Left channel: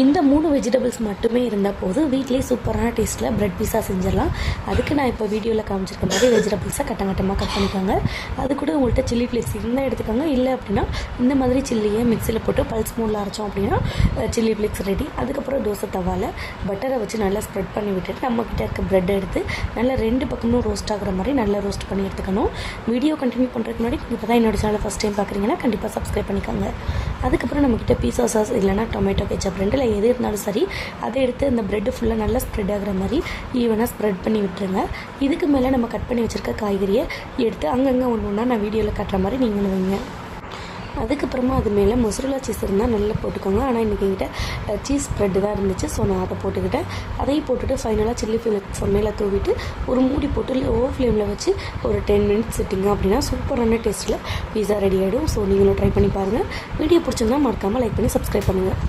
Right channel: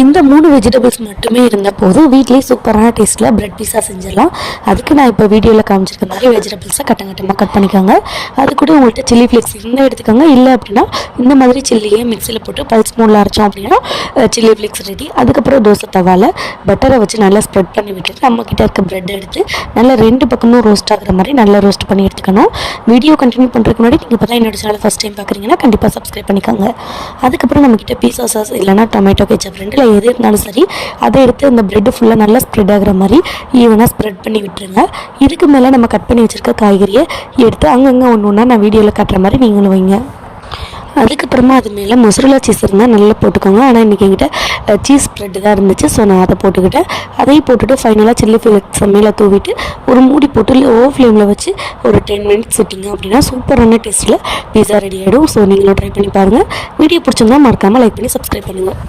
இந்த 3 வெஜிடபிள்ஸ் மட்டுமே இருந்த போதும் வீட்டிலேயே சூப்பரான டேஸ்ட்டில் பிரெட் பீஸா செஞ்சிடலாம். அதுக்கு நான் இப்போ வீடியோவில் காமிச்சிருக்க மாதிரி வெஜிடபிள்ஸை கட்டமாக கட் பண்ணிக்கோங்க. அது கூட உங்கள்கிட்ட சில்லி ஃப்ளேக்ஸ் இருந்தால் எடுத்துக்கோங்க. இல்லை அப்படின்னா இந்த மாதிரி சில்லியே மிக்சியில் போட்டு பல்ஸ் மோடில் அரைச்சோம் அப்படின்னா சில்லி ஃப்ளேக்ஸ் ரெடி. அதுக்கப்புறம் தோசை தவாவில் பட்டரை வச்சு நல்லா ஸ்ப்ரெட் பண்ணி விட்டுட்டு நம்மக்கிட்ட இருக்க ப்ரெட் எடுத்து நல்லா 2 பக்கமும் ரோஸ்ட் ஆகிற மாதிரி நல்லா ரோஸ்ட் பண்ணி எடுத்துக்கணும். வீடியோ கண்டினியூ பண்ணுறதுக்கு முன்னாடி நீங்கள் இப்போ தான் என்னோட சேனல் ஃபஸ்ட் டைம் பார்க்குறீங்கன்னா கண்டிப்பாக சப்ஸ்கிரைப் பண்ணிக்கோங்க. அதுக்கப்புறம் நம்மக்கிட்ட பீஸா சாஸ் இல்லைனா டொமேட்டோ கெச்சப் ரெண்டில் எது இருந்தாலும் சரி அதை எடுத்து இந்த ப்ரெட்டு ஃபுல்லாக நல்லா ஸ்ப்ரெட் ஆகிற மாதிரி ஈவனாக ஸ்ப்ரெட் பண்ணி விட்டுருங்க. இதுக்கு மேலே நம்ம கட் பண்ணி வச்சுருக்க காய்கறியை எடுத்து அங்கங்கே ஒன்று ஒன்றா நான் வீடியோவில் காட்டுற மாதிரி நீங்களும் வைங்க. அதுக்கப்புறமா அது மேலே மொசரலா சீஸ் இருந்தால் நல்லா போட்டுக்கோங்க. ஆனால் இன்றைக்கி என்கிட்ட சீஸ் ஸ்ப்ரெட்டு தான் இருந்துச்சு, ஸோ நான் அதை போட்டுக்கிட்டேன். அதையும் போட்டுட்டு ஃபைனலாக சில்லி ஃப்ளேக்ஸ் மேலே தூவிட்டு ஒரு மூடி போட்டு லோ ஃப்ளேமில் வச்சு ஒரு 10 மினிட்ஸ் விட்டிங்க அப்படின்னா சூப்பரான டேஸ்ட்டில் பீஸா ரெடி ஆகிடும். ஸோ நீங்களும் ட்ரை பண்ணி பாருங்கள். வீடியோ பிடிச்சிருந்தா மறக்காமல் லைக் பண்ணி சப்ஸ்கிரைப் பண்ணுங்கள்.